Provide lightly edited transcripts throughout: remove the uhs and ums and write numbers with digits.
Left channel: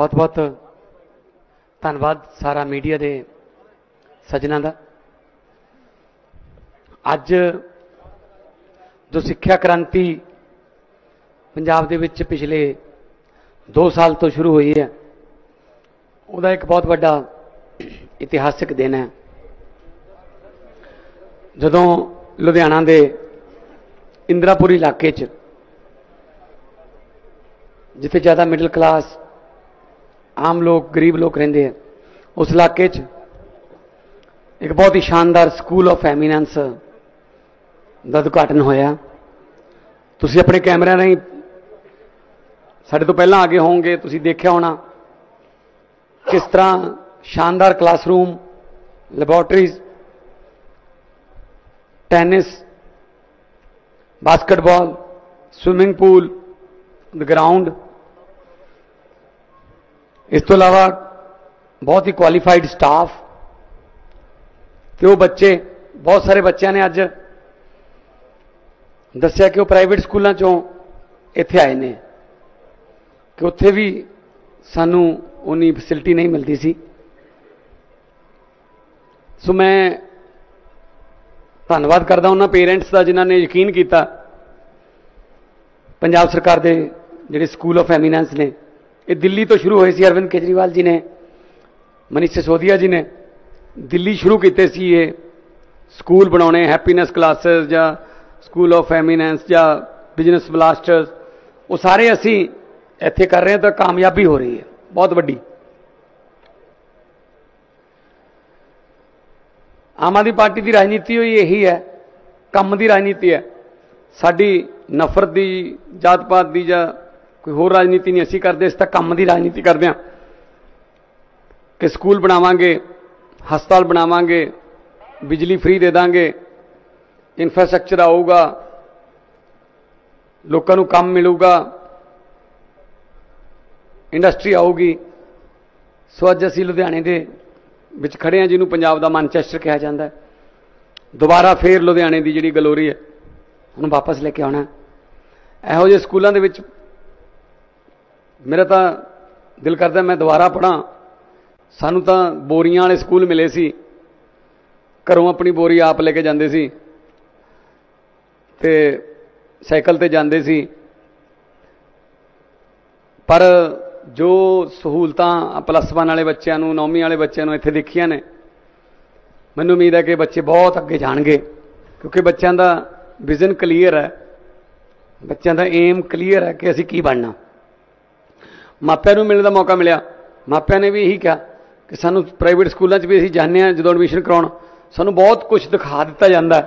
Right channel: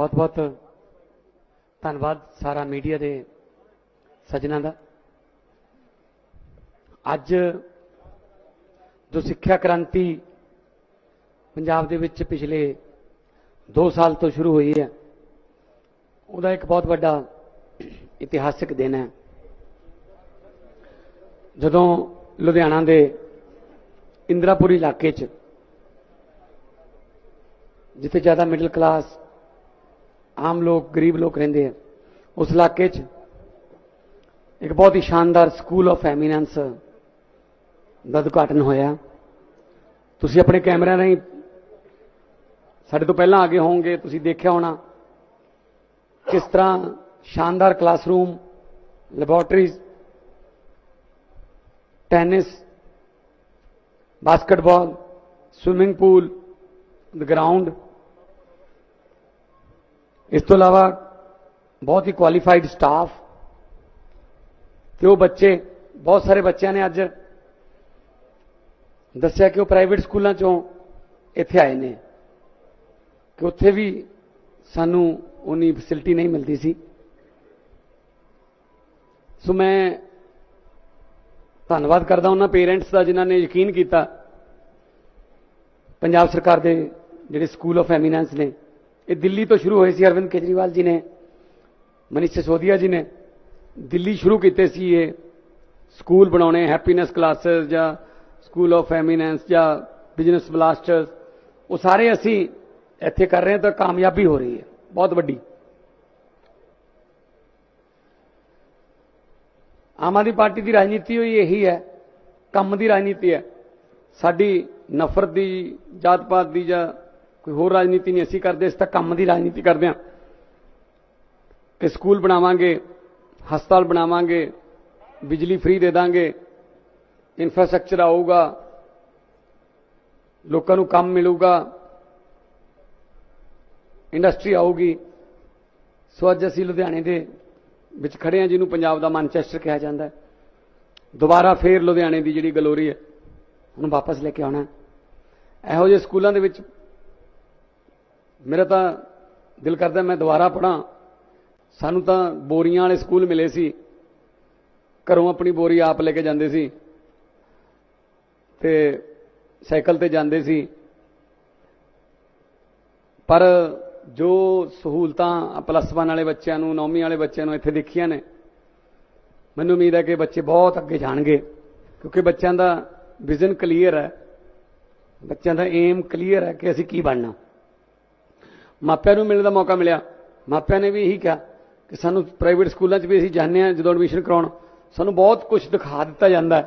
बहुत बहुत धन्यवाद सारा मीडिया के सज्जनों का। अज जो सिक्ख्या क्रांति पंजाब दे विच पिछले 2 साल तो शुरू हुई है, उसका एक बहुत बड़ा इतिहासिक दिन है। जदों लुधियाना के इंदिरापुरी इलाके जिथे ज़्यादा मिडल क्लास आम लोग गरीब लोग रेंदे हैं, उस इलाके एक बहुत ही शानदार स्कूल ऑफ एमीनेंस का उद्घाटन होया। तुसी अपने कैमरे राही साडे तो पहला आगे होंगे, तुसी देखा होना किस तरह शानदार classroom, laboratories, tennis, basketball, swimming pool, ground, इस तो अलावा बहुत ही क्वालिफाइड स्टाफ। तो वो बच्चे, बहुत सारे बच्चों ने अज दस्या कि वो प्राइवेट स्कूलों चों इत्थे आए ने कि उत्थे भी सानू उन्नी फैसिलिटी नहीं मिलती सी। सो मैं धन्यवाद करदा उन्हां पेरेंट्स का जिन्हां ने यकीन किया। पंजाब सरकार के जिहड़े स्कूल ऑफ एमीनेंस ने, ये दिल्ली तो शुरू हुए सी। अरविंद केजरीवाल जी ने, मनीष सिसोदिया जी ने दिल्ली शुरू किए सी ये स्कूल बनाने, हैप्पीनेस क्लासेस या स्कूल ऑफ एमीनेंस या बिजनेस ब्लास्टर्स, वो सारे असी इत्थे कर रहे हैं। तो कामयाबी हो रही है बहुत वड्डी। आम आदमी पार्टी की राजनीति यही है, कम की राजनीति है। साडी नफरत की, जात पात की या कोई होर राजनीति नहीं असी करते, इस तक कम की राजनीति करते हैं कि स्कूल बनावांगे, हस्पताल बनावांगे, बिजली फ्री दे देंगे, इंफ्रास्ट्रक्चर आऊगा, लोगों को काम मिलूगा, इंडस्ट्री आऊगी। सो अज असी लुधियाने के विच खड़े हैं, जिन्होंने पंजाब का मैनचेस्टर कहा जाता है। दोबारा फिर लुधियाने की जी गलोरी है उन्होंने वापस लेके आना। इहो जे स्कूलों के विच मेरा तो दिल करता मैं दोबारा पढ़ा। सानू तो बोरियां वाले स्कूल मिले सी, घरों अपनी बोरी आप लेके जाते सी ते साइकिल ते जाते सी। पर जो सहूलतां +1 वाले बच्चों, 9वीं वाले बच्चों इत्थे देखिया ने, मैनूं उम्मीद है कि बच्चे बहुत अगे जाणगे, क्योंकि बच्चों का विजन क्लीयर है, बच्चों का एम क्लीयर है कि असीं की बनना। मापिਆਂ ਨੂੰ मिलने का मौका मिला, मापिਆਂ ने भी यही कहा कि सानू प्राइवेट स्कूलों भी असीं जाने हैं, जो एडमिशन कराउण सानू बहुत कुछ दिखा दिता जाता है।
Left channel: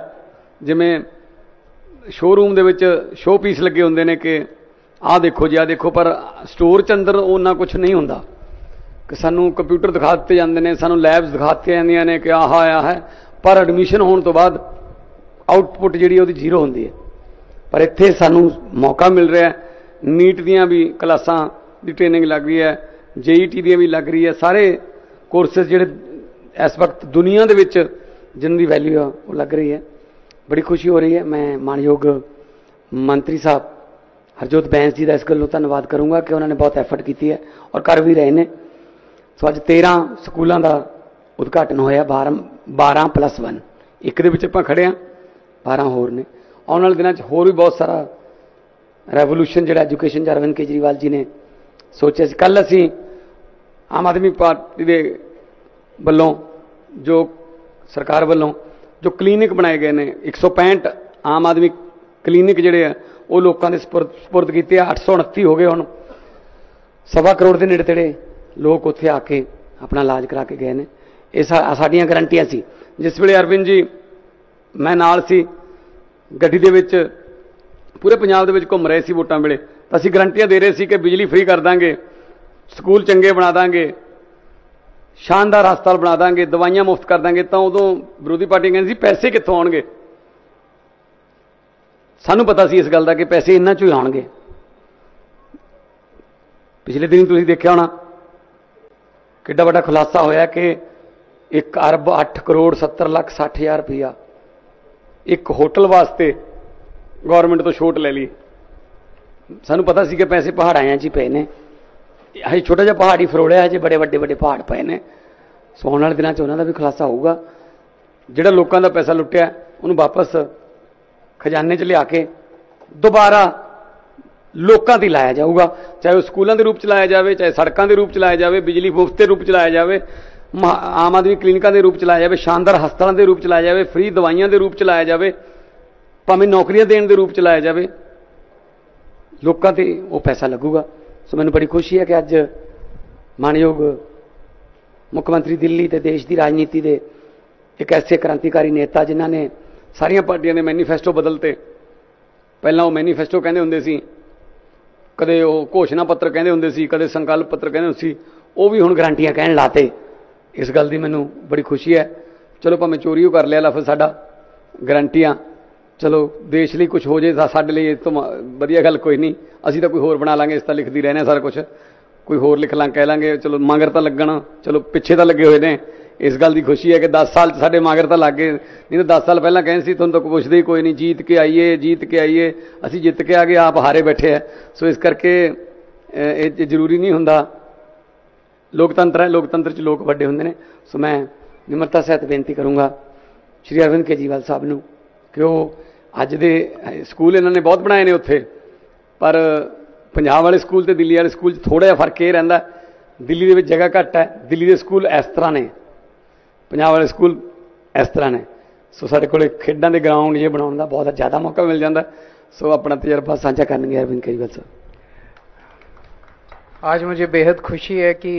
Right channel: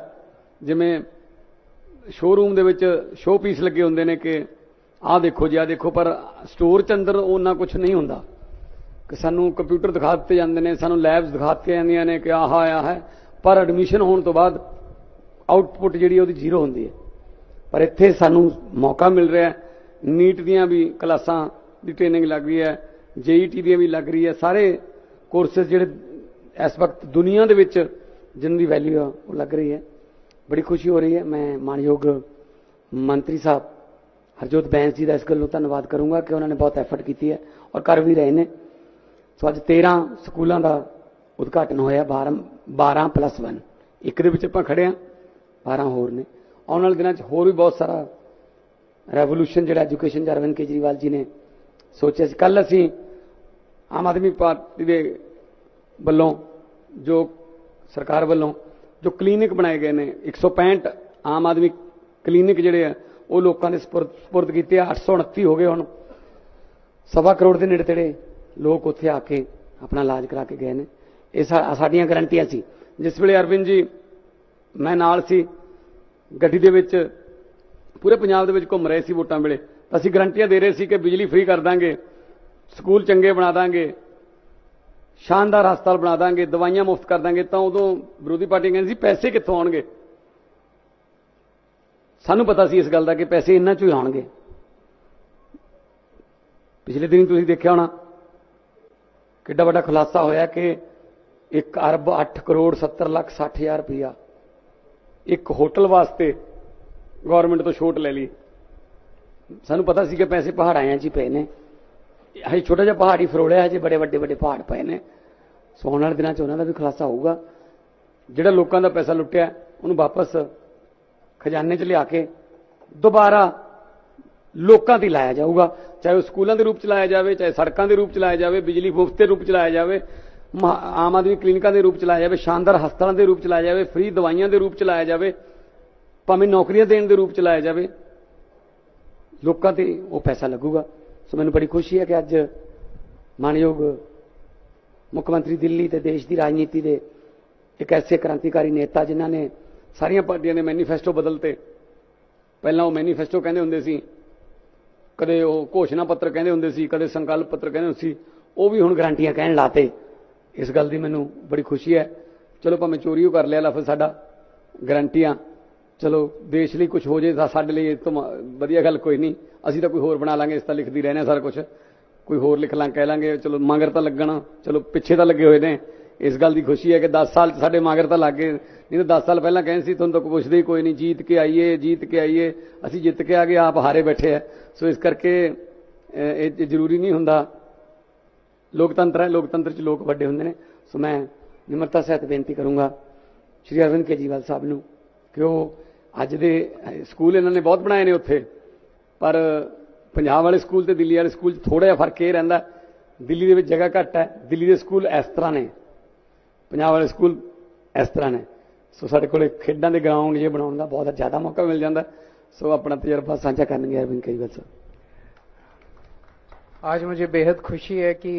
जिमें शोरूम के शो पीस लगे होंगे ने कि आ देखो जी, आ देखो, पर स्टोर च अंदर उन्ना कुछ नहीं होंदा कि सानू कंप्यूटर दिखा दिते जाते हैं, सानू लैब्स दिखा दित्तियां जांदियां ने कि आह आया है, पर एडमिशन होने तो बाद आउटपुट जी वो जीरो होंदी है। पर इत्थे सानू मौका मिल रहा है, नीट दियां भी क्लासां की ट्रेनिंग लग रही है, JET दी भी लग रही है। सारे कोर्सेज जिहड़े इस वक्त दुनिया दे विच जिनकी वैल्यू है वो लग रही है। बड़ी खुशी हो रही है। मैं मानयोग मंत्री साहब हरजोत बैंस जी का इस गलों धन्यवाद करूँगा कि उन्होंने बहुत एफर्ट की है और कर भी रहे हैं। सो अज 13 स्कूलों का उद्घाटन होया, 12 + 1, एक दे विच आपां खड़े हाँ, 12 होर ने। आने वाले दिनों होर भी बहुत सारा रेवोल्यूशन जो एजुकेशन अरविंद केजरीवाल जी ने सोचा। कल असी आम आदमी पार्टी के वलों, जो सरकार वलों जो क्लीनिक बनाए गए हैं, 165 आम आदमी क्लीनिक जोड़े है वो लोगों के सपुर्द किए। 829 हो गए हुण, 1.25 करोड़ के नेड़े तेड़े लोग उत्थे आके अपना इलाज करा के गए हैं। ये साडियां गारंटियां सी। जिस वेले अरविंद जी मैं नाल सी गड्डी दे विच पूरे पंजाब दे विच घुम रहे सी वोटां वेले, तो असीं गारंटियां दे रहे सी कि बिजली फ्री कर देंगे, स्कूल चंगे बना देंगे, शानदार हस्पताल बना देंगे, दवाइयां मुफ्त कर देंगे। तो उदों विरोधी पार्टी कहती सी पैसे कित्थों आउणगे। सानू पता सी इस गल का कि पैसे इन्हां चों ही आउणगे। पिछले दिन तुसीं देखिया होना किड्डा वड्डा खुलासा होया कि 1 अरब 8 करोड़ 70 लख 60 हज़ार रुपया एक होटल वास्ते गौरमेंट तो छूट ले ली। सानू पता सी कि पैसे पहाड़ां 'च ही पे ने, हजे छोटा जिहा पहाड़ ही फरोड़िया, हजे बड़े ਵੱਡੇ ਵੱਡੇ पहाड़ पए ने। सो आने वाले दिनों च उन्हों का भी खुलासा होगा। ਜਿਹੜਾ ਲੋਕਾਂ ਦਾ पैसा लुटिया ਉਹਨੂੰ वापस खजाने च लिया के दोबारा लोगों की लाया जाऊगा, चाहे वह स्कूलों के रूप च लाया जाए, चाहे सड़कों के रूप च लाया जाए, बिजली मुफ्त के रूप च लाया जाए, आम आदमी क्लीनिकों के रूप च लाया जाए, शानदार हस्पतालों के रूप च लाया जाए, फ्री दवाइयां के रूप च लाया जाए, भावें नौकरियां देने के रूप च लाया जाए, लोगों से वो पैसा लगूगा। सो मैनूं बड़ी खुशी है कि अज मानयोग मुख्यमंत्री दिल्ली ते देश की राजनीति के एक ऐसे क्रांतिकारी नेता जिन्हों ने सारिया पार्टियों ने मैनीफेस्टो बदलते। पहला वो मैनीफेस्टो कहते होंगे सी, कदे वो घोषणा पत्र कहते होंगे सी, कदे संकल्प पत्र कहते होंगे सी, वो भी हुण गारंटियां कहण लाते। इस गल की मैनूं बड़ी खुशी है। चलो भावें चोरी कर लिया लफ्ज़ साडा गारंटियां, चलो देश लिए कुछ हो जाए तो साडे लिए तो वधिया गल कोई नहीं, असीं तां कोई होर बना लांगे, इस तां लिखदी रहने सारा कुछ, कोई होर लिख लां कह लांगे, चलो मगर तां लगण, चलो पिछे तां लगे हुए ने। इस गल की खुशी है कि 10 साल साडे मगर तां लग गए, नहीं तो 10 साल पहलां कहते सी तुहानूं तां पुछदे ही कोई नहीं, जीत के आइए जीत के आइए, असीं जित के आ गए, आप हारे बैठे हैं। सो इस करके ये जरूरी नहीं हुंदा, लोकतंत्र है, लोकतंत्र च लोग वड्डे हुंदे ने। सो मैं निमरता सहित बेनती करूँगा श्री अरविंद केजरीवाल साहब नूं कि वो अज दे स्कूल इन्होंने बहुत बनाए ने उत्थे, पर पंजाब वाले स्कूल ते दिल्ली वाले स्कूल थोड़ा जिहा फर्क ये रहिंदा, दिल्ली दे विच जगह घट है, दिल्ली दे स्कूल इस तरह ने, पंजाब वाले स्कूल इस तरह ने। सो साडे कोले खेडां दे ग्राउंड ये बनाउण दा बहुत ज़्यादा मौका मिल जाता। सो अपना तजर्बा साझा करनगे अरविंद केजरीवाल साहब। आज मुझे बेहद खुशी है कि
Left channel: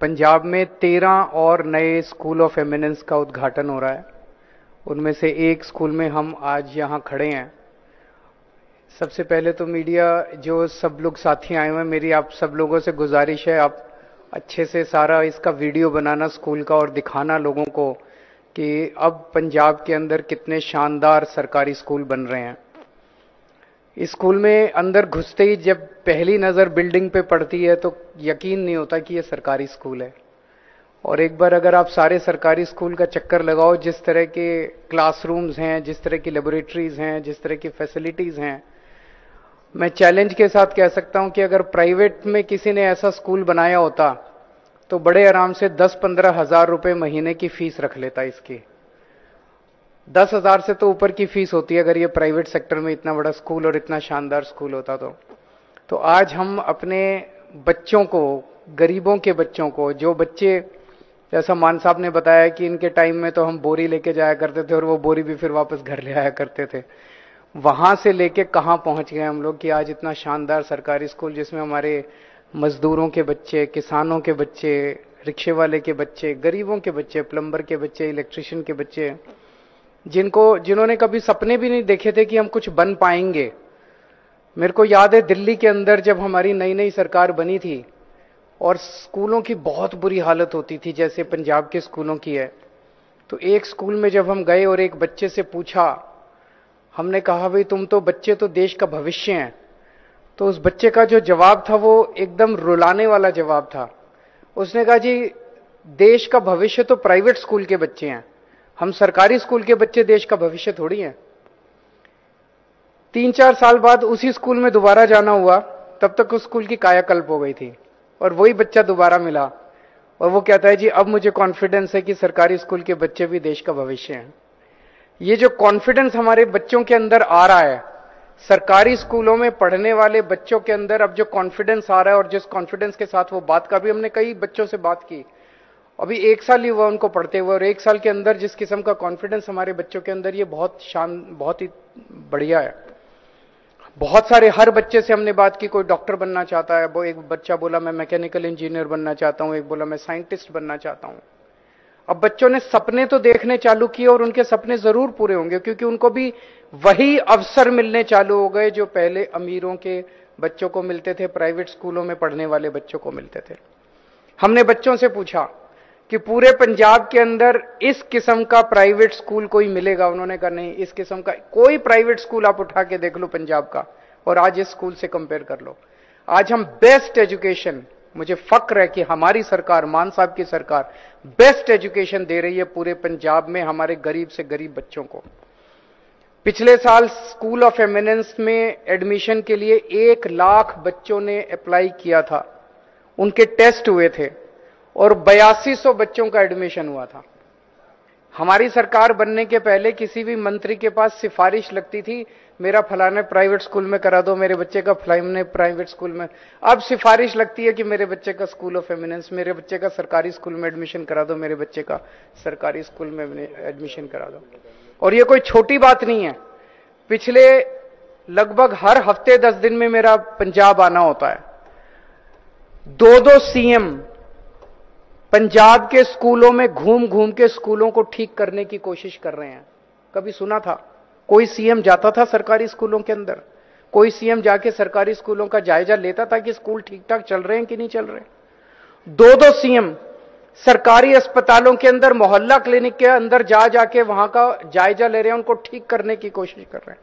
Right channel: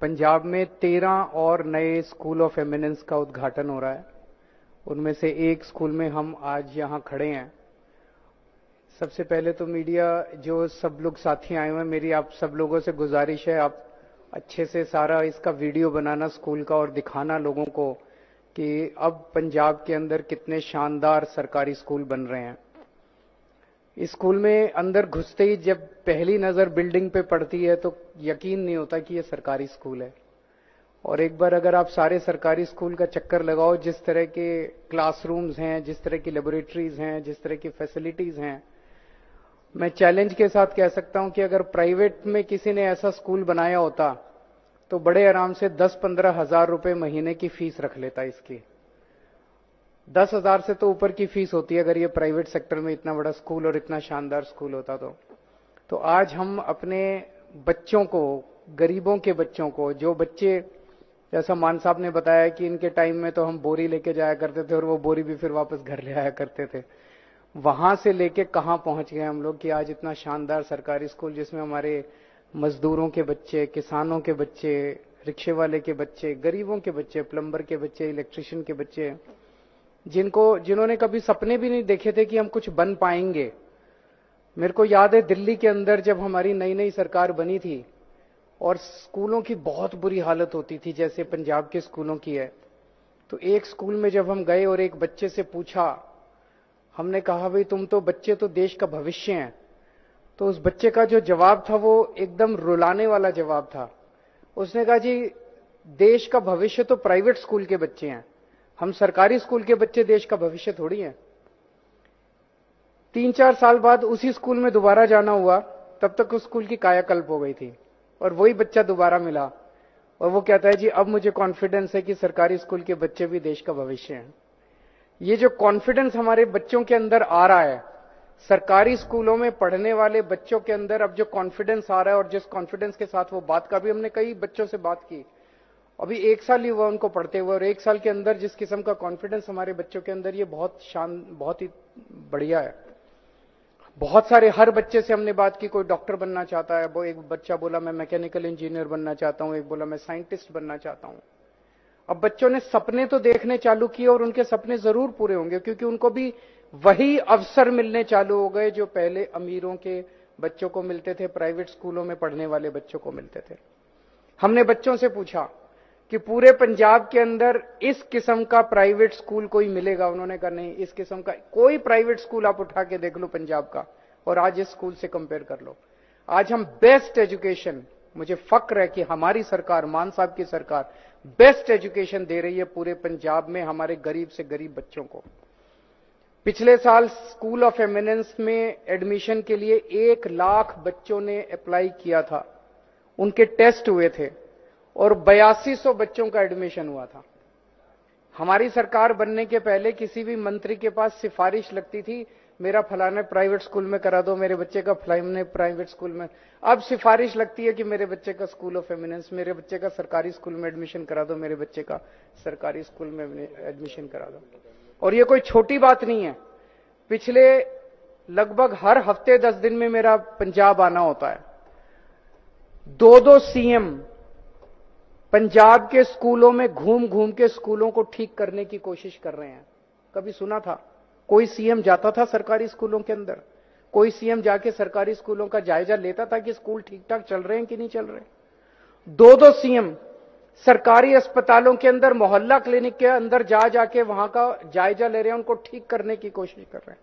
पंजाब में 13 और नए स्कूल ऑफ एमिनेंस का उद्घाटन हो रहा है। उनमें से एक स्कूल में हम आज यहाँ खड़े हैं। सबसे पहले तो मीडिया जो सब लोग साथी आए हुए हैं, मेरी आप सब लोगों से गुजारिश है, आप अच्छे से सारा इसका वीडियो बनाना स्कूल का और दिखाना लोगों को कि अब पंजाब के अंदर कितने शानदार सरकारी स्कूल बन रहे हैं। इस स्कूल में अंदर घुसते ही जब पहली नज़र बिल्डिंग पे पड़ती है तो यकीन नहीं होता कि ये सरकारी स्कूल है। और एक बार अगर आप सारे सरकारी स्कूल का चक्कर लगाओ, जिस तरह के क्लासरूम्स हैं, जिस तरह की लेबोरेटरीज हैं, जिस तरह की फैसिलिटीज़ हैं, मैं चैलेंज के साथ कह सकता हूं कि अगर प्राइवेट में किसी ने ऐसा स्कूल बनाया होता तो बड़े आराम से 10-15 हज़ार रुपये महीने की फीस रख लेता। इसकी 10,000 से तो ऊपर की फीस होती है अगर ये प्राइवेट सेक्टर में इतना बड़ा स्कूल और इतना शानदार स्कूल होता तो आज हम अपने बच्चों को, गरीबों के बच्चों को, जो बच्चे, जैसा मान साहब ने बताया कि इनके टाइम में तो हम बोरी लेके जाया करते थे और वो बोरी भी फिर वापस घर ले आया करते थे, वहां से लेके कहां पहुंच गए हम लोग कि आज इतना शानदार सरकारी स्कूल जिसमें हमारे मजदूरों के बच्चे, किसानों के बच्चे, रिक्शे वाले के बच्चे, गरीबों के बच्चे, प्लम्बर के बच्चे, इलेक्ट्रिशियन के बच्चे, जिन्होंने कभी सपने भी नहीं देखे थे कि हम कुछ बन पाएंगे। मेरे को याद है दिल्ली के अंदर जब हमारी नई नई सरकार बनी थी और स्कूलों की बहुत बुरी हालत होती थी जैसे पंजाब के स्कूलों की है, तो एक स्कूल में जब हम गए और एक बच्चे से पूछा, हमने कहा भाई तुम तो बच्चे तो देश का भविष्य हैं, तो उस बच्चे का जो जवाब था वो एकदम रुलाने वाला जवाब था। उसने कहा जी देश का भविष्य तो प्राइवेट स्कूल के बच्चे हैं, हम सरकारी स्कूल के बच्चे देश का भविष्य थोड़ी हैं। 3-4 साल बाद उसी स्कूल में दोबारा जाना हुआ, तब तक उस स्कूल की कायाकल्प हो गई थी और वही बच्चा दोबारा मिला और वो कहता है जी अब मुझे कॉन्फिडेंस है कि सरकारी स्कूल के बच्चे भी देश का भविष्य हैं। ये जो कॉन्फिडेंस हमारे बच्चों के अंदर आ रहा है, सरकारी स्कूलों में पढ़ने वाले बच्चों के अंदर अब जो कॉन्फिडेंस आ रहा है और जिस कॉन्फिडेंस के साथ वो बात का भी, हमने कई बच्चों से बात की, अभी 1 साल ही हुआ उनको पढ़ते हुए, और 1 साल के अंदर जिस किस्म का कॉन्फिडेंस हमारे बच्चों के अंदर, ये बहुत ही बढ़िया है। बहुत सारे, हर बच्चे से हमने बात की, कोई डॉक्टर बनना चाहता है, वो एक बच्चा बोला मैं मैकेनिकल इंजीनियर बनना चाहता हूं, एक बोला मैं साइंटिस्ट बनना चाहता हूं। अब बच्चों ने सपने तो देखने चालू किए और उनके सपने जरूर पूरे होंगे क्योंकि उनको भी वही अवसर मिलने चालू हो गए जो पहले अमीरों के बच्चों को मिलते थे, प्राइवेट स्कूलों में पढ़ने वाले बच्चों को मिलते थे। हमने बच्चों से पूछा कि पूरे पंजाब के अंदर इस किस्म का प्राइवेट स्कूल कोई मिलेगा? उन्होंने कहा नहीं, इस किस्म का कोई प्राइवेट स्कूल आप उठा के देख लो पंजाब का और आज इस स्कूल से कंपेयर कर लो। आज हम बेस्ट एजुकेशन, मुझे फक्र है कि हमारी सरकार, मान साहब की सरकार बेस्ट एजुकेशन दे रही है पूरे पंजाब में हमारे गरीब से गरीब बच्चों को। पिछले साल स्कूल ऑफ एमिनेंस में एडमिशन के लिए 1 लाख बच्चों ने अप्लाई किया था, उनके टेस्ट हुए थे और 8200 बच्चों का एडमिशन हुआ था। हमारी सरकार बनने के पहले किसी भी मंत्री के पास सिफारिश लगती थी, मेरा फलाने प्राइवेट स्कूल में करा दो, मेरे बच्चे का फलाने प्राइवेट स्कूल में। अब सिफारिश लगती है कि मेरे बच्चे का स्कूल ऑफ एमिनेंस, मेरे बच्चे का सरकारी स्कूल में एडमिशन करा दो, मेरे बच्चे का सरकारी स्कूल में एडमिशन करा दो। और ये कोई छोटी बात नहीं है। पिछले लगभग हर हफ्ते 10 दिन में मेरा पंजाब आना होता है। 2-2 सीएम पंजाब के स्कूलों में घूम घूम के स्कूलों को ठीक करने की कोशिश कर रहे हैं। कभी सुना था कोई सीएम जाता था सरकारी स्कूलों के अंदर? कोई सीएम जाके सरकारी स्कूलों का जायजा लेता था कि स्कूल ठीक ठाक चल रहे हैं कि नहीं चल रहे? 2-2 सीएम सरकारी अस्पतालों के अंदर, मोहल्ला क्लिनिक के अंदर जा जाके वहां का जायजा ले रहे हैं, उनको ठीक करने की कोशिश कर रहे हैं।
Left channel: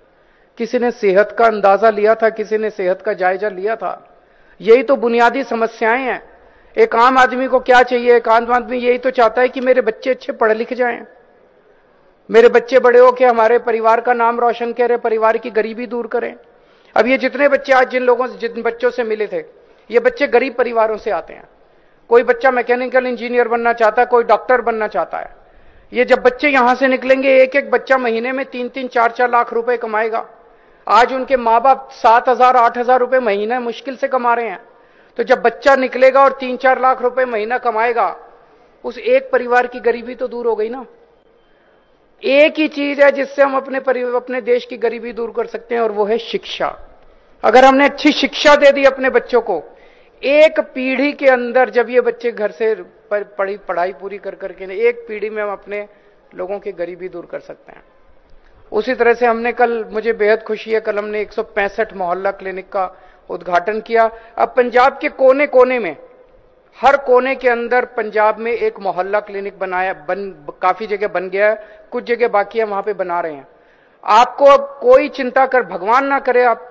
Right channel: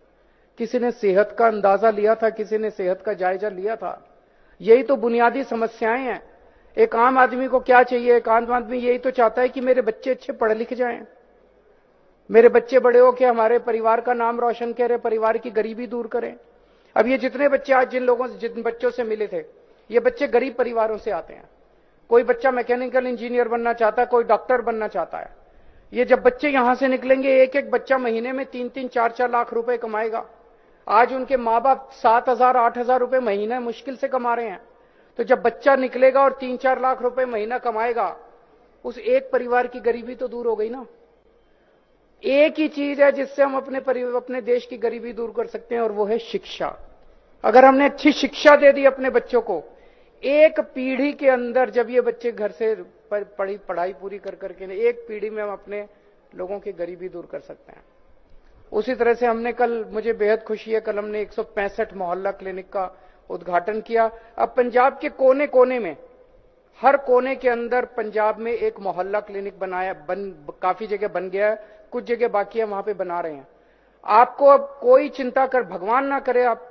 किसी ने सेहत का अंदाजा लिया था? किसी ने सेहत का जायजा लिया था? यही तो बुनियादी समस्याएं हैं। एक आम आदमी को क्या चाहिए? एक आम आदमी यही तो चाहता है कि मेरे बच्चे अच्छे पढ़ लिख जाएं, मेरे बच्चे बड़े हो के हमारे परिवार का नाम रोशन करें, परिवार की गरीबी दूर करें। अब ये जितने बच्चे आज जिन बच्चों से मिले थे, ये बच्चे गरीब परिवारों से आते हैं। कोई बच्चा मैकेनिकल इंजीनियर बनना चाहता है, कोई डॉक्टर बनना चाहता है। ये जब बच्चे यहां से निकलेंगे, एक एक बच्चा महीने में 3-3, 4-4 लाख रुपए कमाएगा। आज उनके माँ बाप 7,000, 8,000 रुपए महीना मुश्किल से कमा रहे हैं। तो जब बच्चा निकलेगा और 3-4 लाख रुपए महीना कमाएगा, उस एक परिवार की गरीबी तो दूर हो गई ना। एक ही चीज है जिससे हम अपने देश की गरीबी दूर कर सकते हैं, और वो है शिक्षा। अगर हमने अच्छी शिक्षा दे दी अपने बच्चों को, एक पीढ़ी के अंदर, जब ये बच्चे घर से पढ़ाई पूरी कर करके, एक पीढ़ी में हम अपने लोगों की गरीबी दूर कर सकते हैं। उसी तरह से हमने कल, मुझे बेहद खुशी है, कल हमने 165 मोहल्ला क्लिनिक का उद्घाटन किया। अब पंजाब के कोने कोने में, हर कोने के अंदर पंजाब में एक मोहल्ला क्लिनिक काफी जगह बन गया है, कुछ जगह बाकी है, वहां पे बना रहे हैं। आपको अब कोई चिंता कर, भगवान ना करे, आप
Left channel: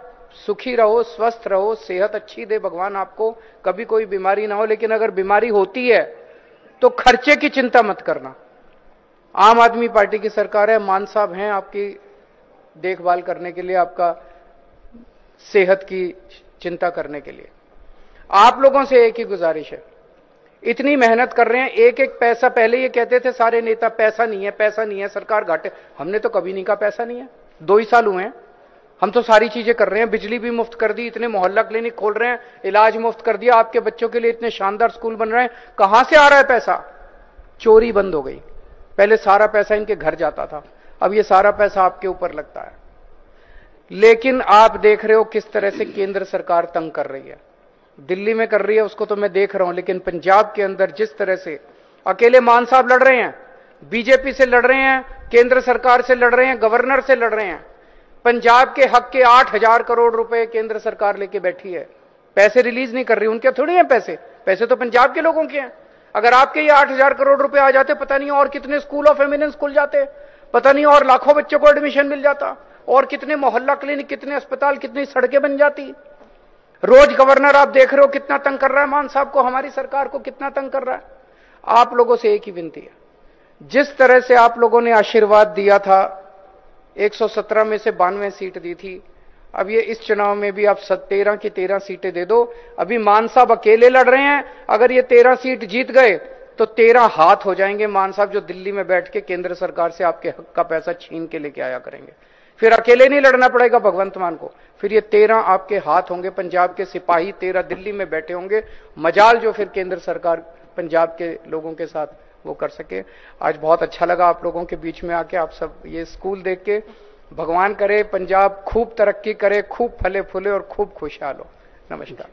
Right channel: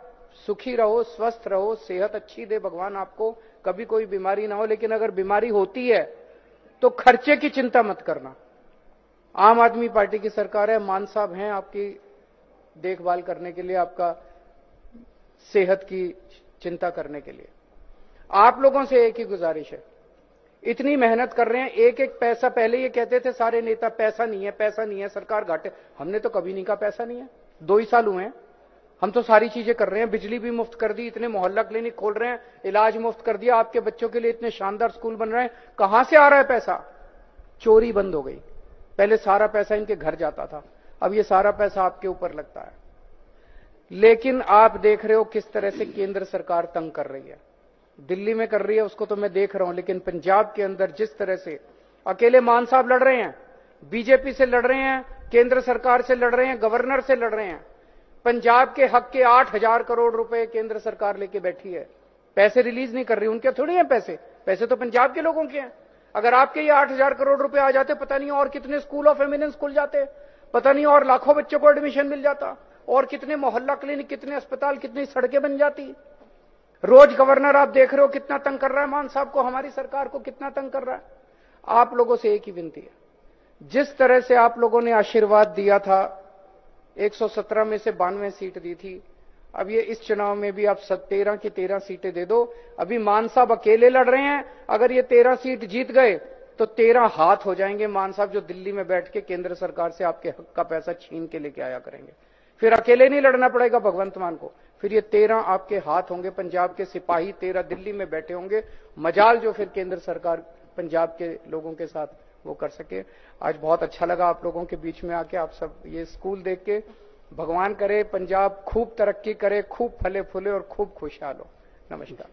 सुखी रहो, स्वस्थ रहो, सेहत अच्छी दे भगवान आपको, कभी कोई बीमारी ना हो। लेकिन अगर बीमारी होती है तो खर्चे की चिंता मत करना। आम आदमी पार्टी की सरकार है, मान साहब हैं आपकी देखभाल करने के लिए, आपका सेहत की चिंता करने के लिए। आप लोगों से एक ही गुजारिश है, इतनी मेहनत कर रहे हैं, एक एक पैसा, पहले ये कहते थे सारे नेता पैसा नहीं है, पैसा नहीं है, सरकार घाटे। हमने तो कभी नहीं कहा पैसा नहीं है। 2 ही साल हुए हैं, हम तो सारी चीजें कर रहे हैं। बिजली भी मुफ्त कर दी, इतने मोहल्ला क्लिनिक खोल रहे हैं, इलाज मुफ्त कर दिया, आपके बच्चों के लिए इतने शानदार स्कूल बन रहे हैं। कहां से आ रहा है पैसा? चोरी बंद हो गई। पहले सारा पैसा इनके घर जाता था, अब ये सारा पैसा आपके ऊपर लगता है। लेकिन आप देख रहे हो किस तरह से केंद्र सरकार तंग कर रही है। दिल्ली में कर रही है उसको तो मैं देख रहा हूं, लेकिन पंजाब के अंदर जिस तरह से अकेले मान साहब लड़ रहे हैं, बीजेपी से लड़ रहे हैं, केंद्र सरकार से लड़ रहे हैं, गवर्नर से लड़ रहे हैं। पंजाब के हक के 8,000 करोड़ रुपए केंद्र सरकार लेके बैठी है, पैसे रिलीज नहीं कर रही। उनके थोड़ी हैं पैसे, पैसे तो पंजाब के लोगों के हैं। अगर आपके ये 8,000 करोड़ रुपए आ जाते, पता नहीं और कितने स्कूल ऑफ एमिनेंस खुल जाते, पता नहीं और लाखों बच्चों को एडमिशन मिल जाता, और कितने मोहल्ला क्लिनिक, कितने अस्पताल, कितनी सड़कें बन जाती। रोज गवर्नर आप देख रहे हो कितना तंग कर रहा है मान साहब को, हमारी सरकार को कितना तंग कर रहा है। आप लोगों से एक ही विनती है, जिस तरह से आप लोगों ने आशीर्वाद दिया था, 117 में से 92 सीट दी थी, अब ये इस चुनाव में भी आप 13 की 13 सीटें दे दो। अभी मान साहब अकेले लड़ रहे हैं, अगर ये 13 सीट जीत गए तो 13 हाथ हो जाएंगे मान साहब, जो दिल्ली में बैठ के केंद्र सरकार से आपके हक का पैसा छीन के लेके आया करेंगे। फिर अकेले नहीं लड़ना पड़ेगा भगवंत मान को, फिर ये 13 आपके हाथ होंगे, पंजाब के सिपाही 13 दिल्ली में बैठे होंगे। मजाल जो फिर केंद्र सरकार पंजाब के लोगों के साथ वो कर सके। आज बहुत अच्छा लगा आप लोगों के बीच में आके, आप सब ये स्कूल देख के। भगवान करे पंजाब खूब तरक्की करे, खूब फले फूले और खूब खुशहाल हो। नमस्कार।